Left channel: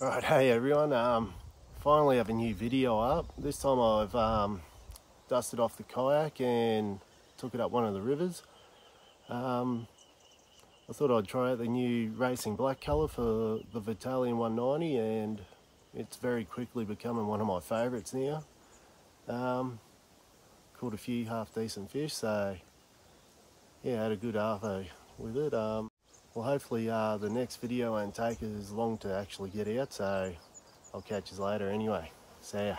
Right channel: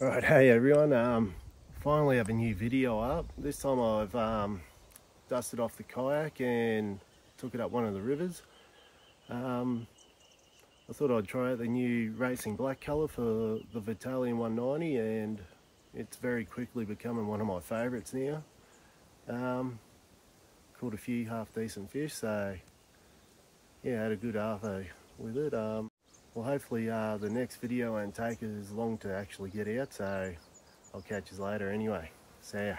Right, hey everyone, finally have a new video up. This time I've dusted off the kayak and took it up one of the rivers. I thought I'd try out the new racing black colour for the Vatalion 190, and it's very quickly becoming one of my favourites now. Caught a few half decent fish, so yeah, had a good arvo with it. Well, hopefully the next video won't take as long to actually get out, so I'll catch you later anyway. See ya.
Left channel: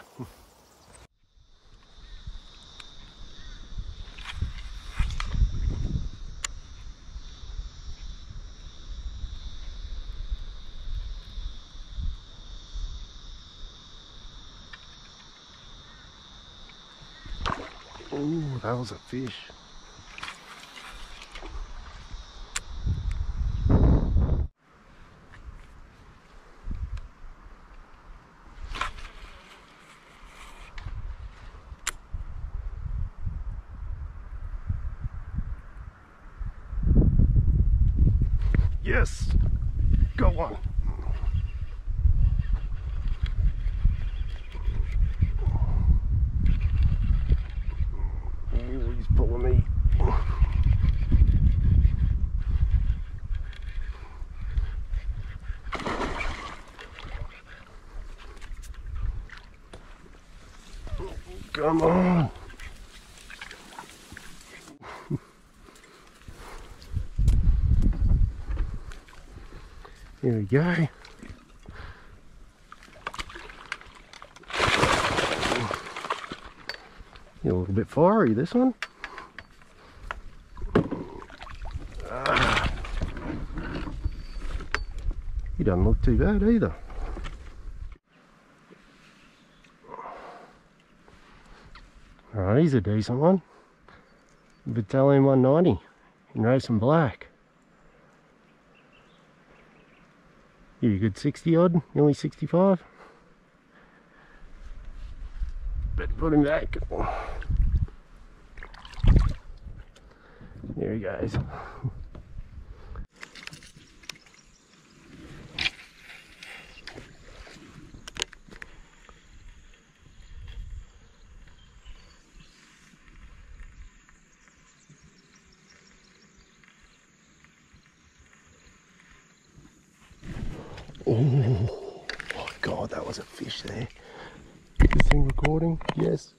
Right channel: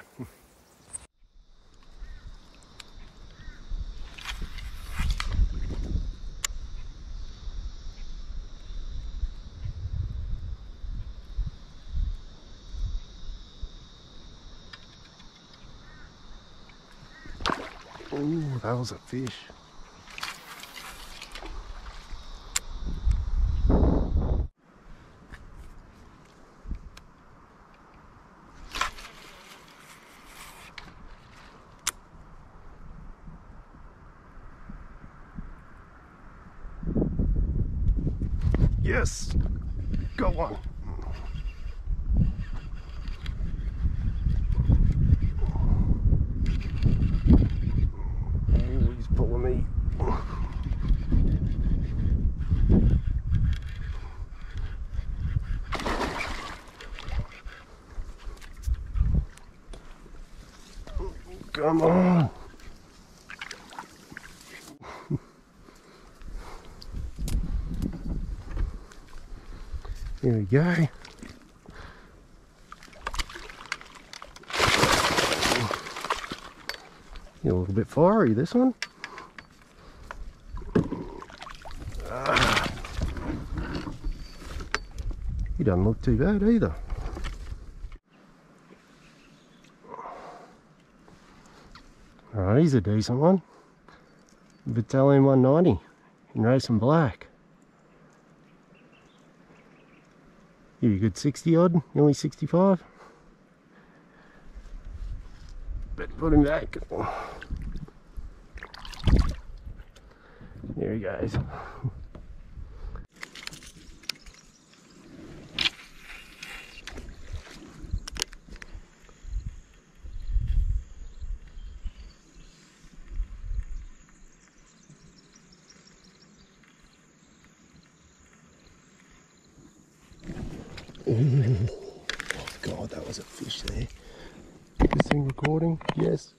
Ooh, that was a fish. Yes, got one. Oh, he's pulling me. Come on. Here we go. You're a little bit fiery, this one. He doesn't look too bad either. Alright, he's a decent one. Vatalion 190 in racing black. You a good 60 odd, nearly 65. Better put him back. There he goes. Oh my god, that was a fish there. Get this thing recording? Yes.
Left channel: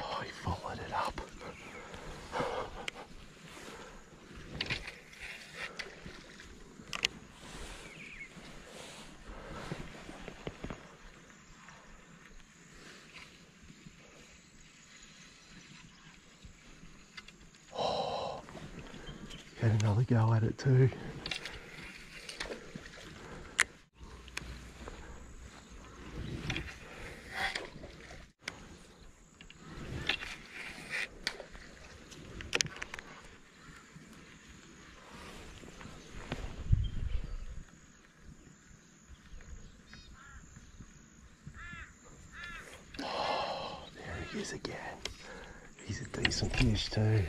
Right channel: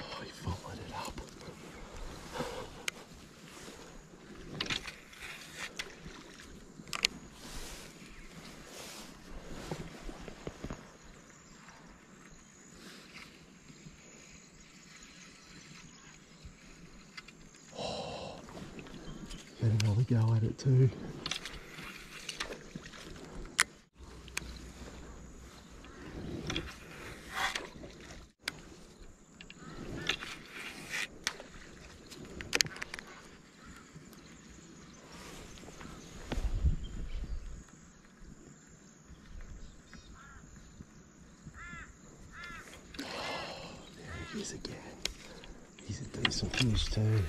Oh, he followed it up. Had another go at it too. Oh, there he is again. He's a decent fish too.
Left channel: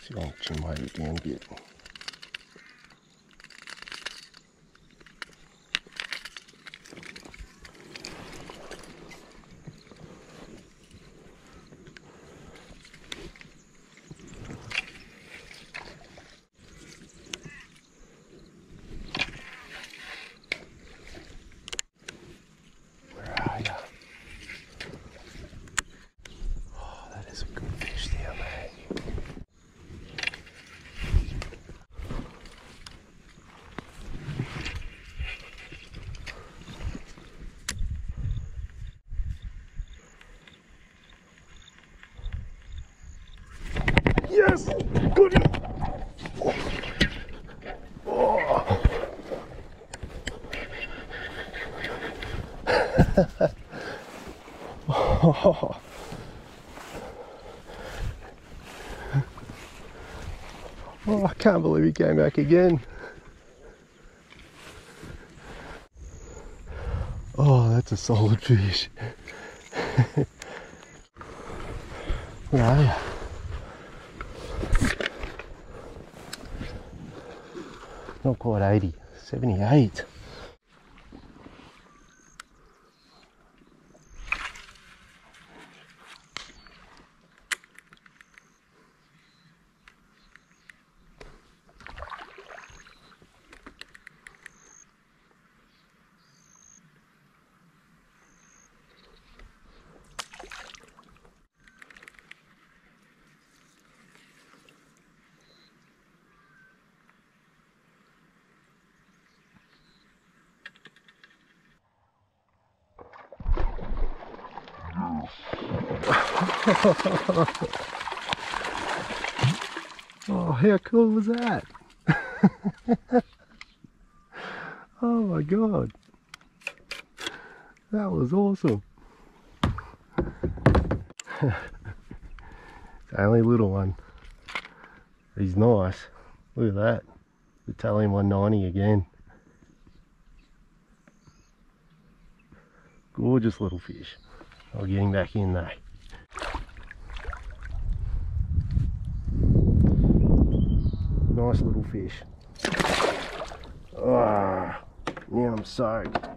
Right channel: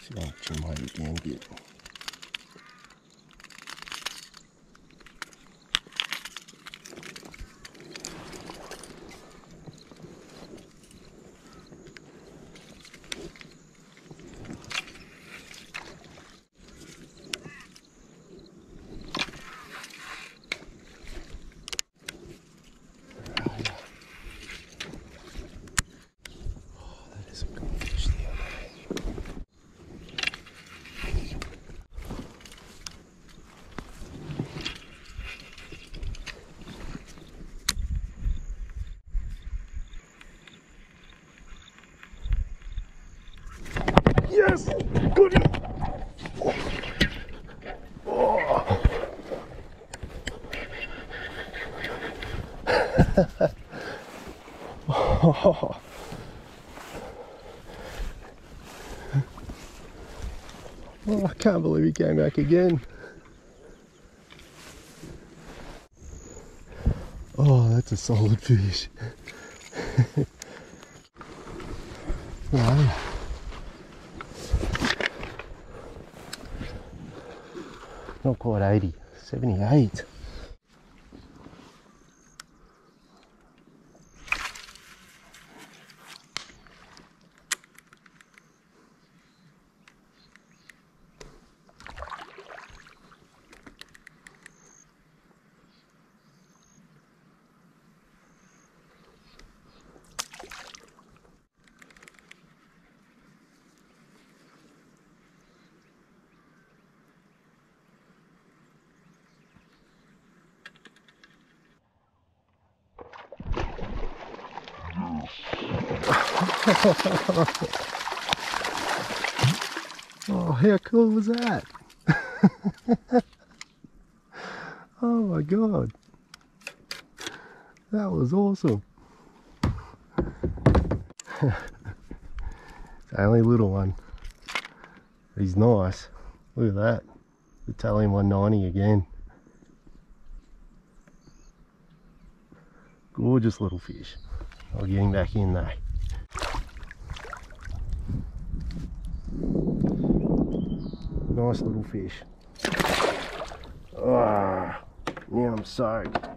See if I can trim my weight down a bit. Where are you? Oh, that is a good fish there, mate. Yes! Got him! Oh. Oh. Oh, I can't believe he came back again. Oh, that's a solid fish. No. Not quite 80, 78. Oh, how cool was that? Oh my god, that was awesome. It's only a little one. He's nice. Look at that. Vatalion 190 again. Gorgeous little fish. I'll get him back in though. Nice little fish. Ah, now I'm soaked.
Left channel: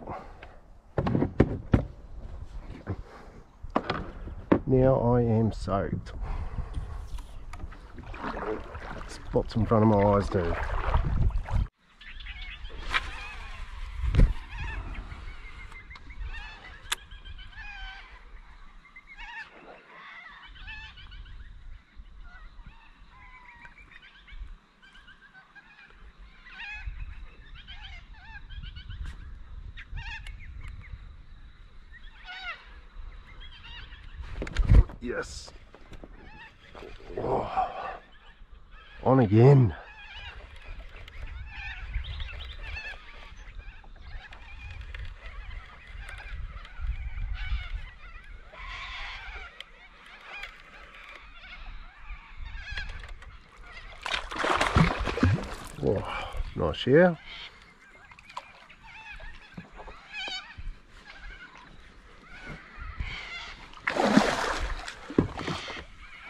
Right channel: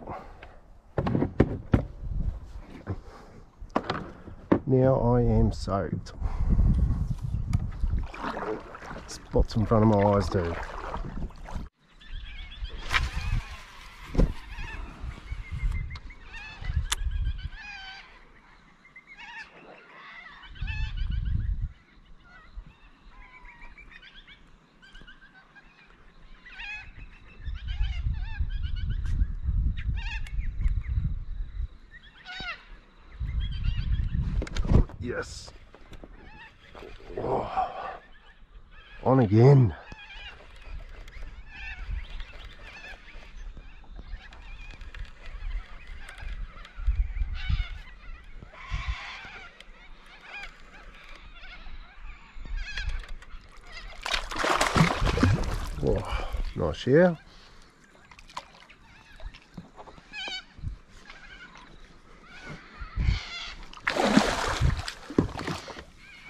Now I am soaked. Spots in front of my eyes too. Yes. Oh. On again. Oh, nice here.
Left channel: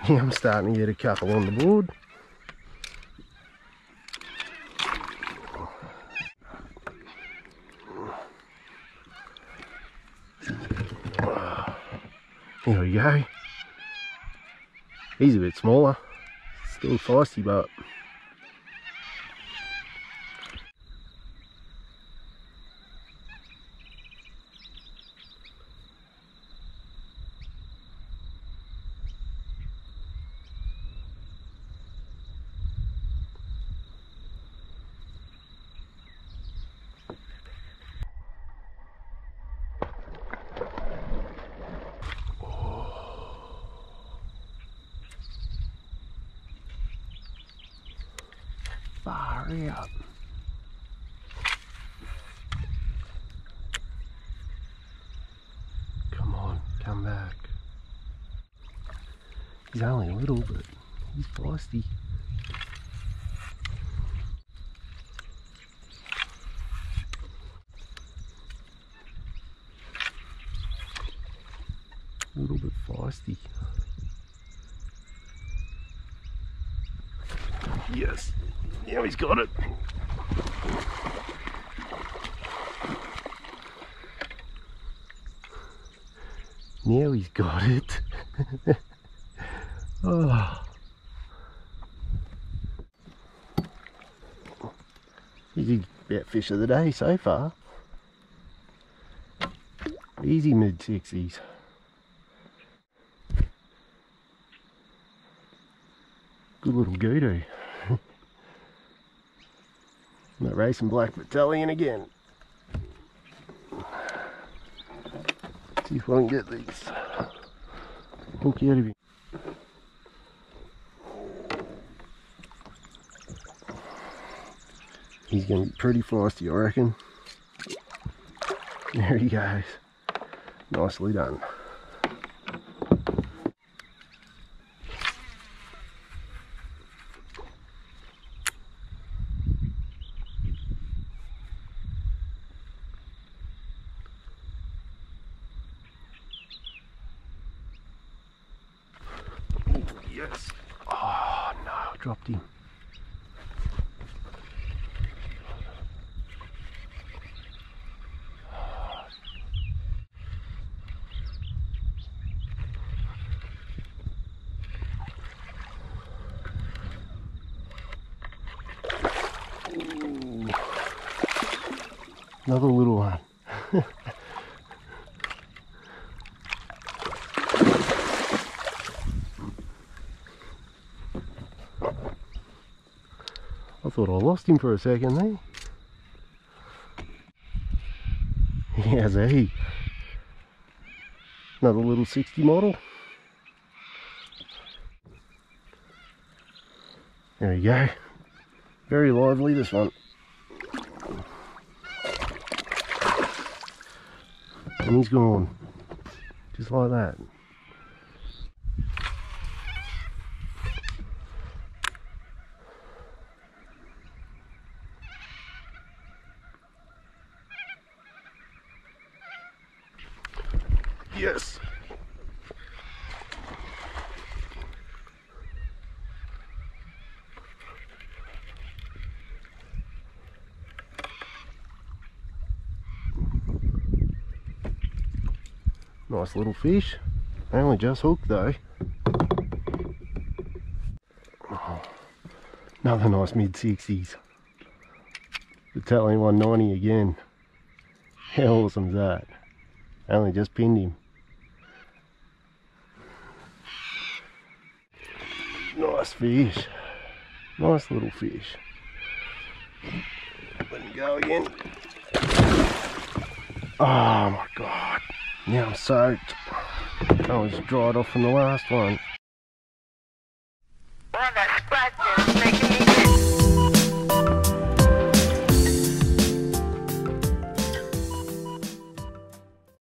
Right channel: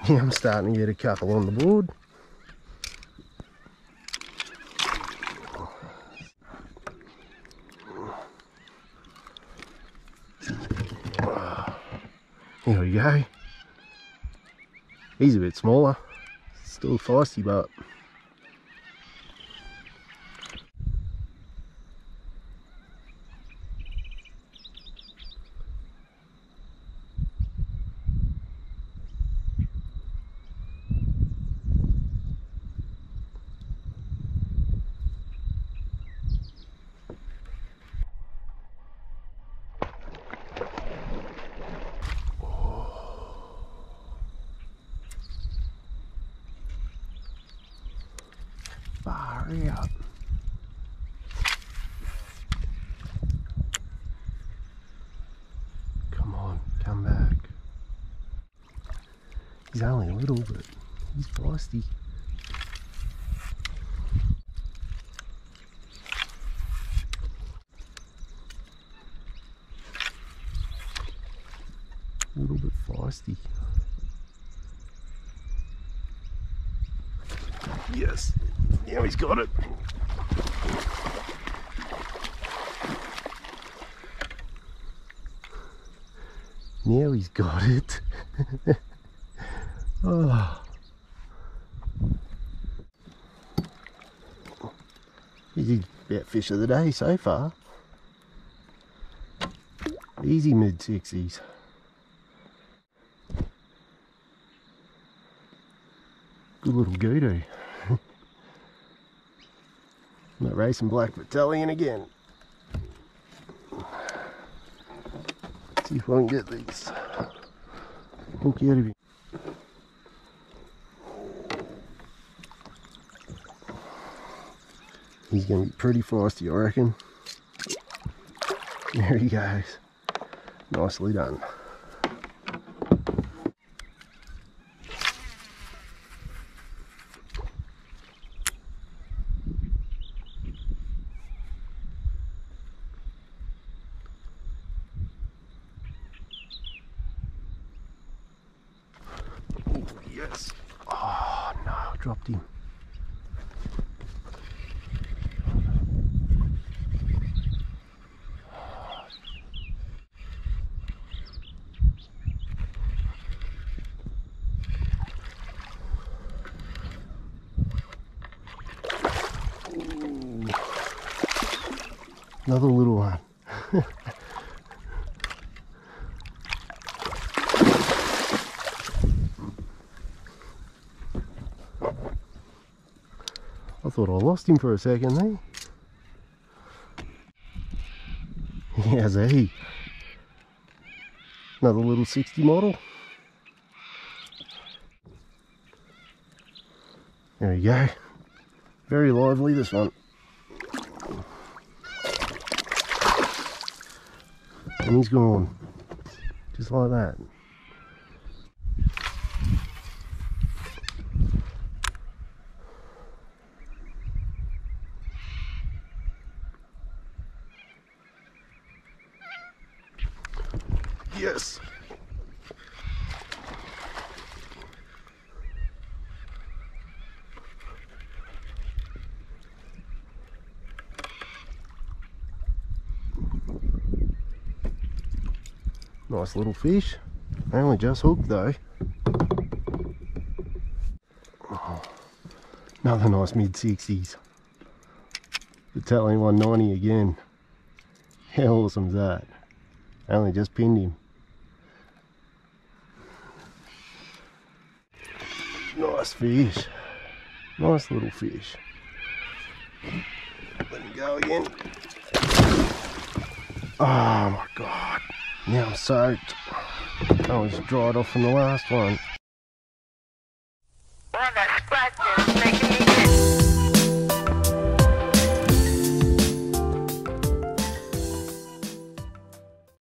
Yeah, I'm starting to get a couple on the board. Here we go. He's a bit smaller. Still feisty, but far out. Come on, come back. He's only a little, but he's feisty. A little bit feisty. Yes, now he's got it. Now he's got it. Oh. He's about fish of the day so far. Easy mid-60s. Good little goodoo. That racing black Vatalion again. See if I can get these hook out of him. He's going to be pretty feisty, I reckon. There he goes. Nicely done. Yes. Oh no, I dropped him. Ooh. Another little one. I thought I lost him for a second there. He has a heap. Another little 60 model. There we go. Very lively, this one. And he's gone. Just like that. Yes. Nice little fish. They only just hooked though. Oh, another nice mid-60s. Vatalion 190 again. How awesome is that? I only just pinned him. Nice fish. Nice little fish. Let him go again. Oh my god. Now I'm soaked. I was dried off from the last one.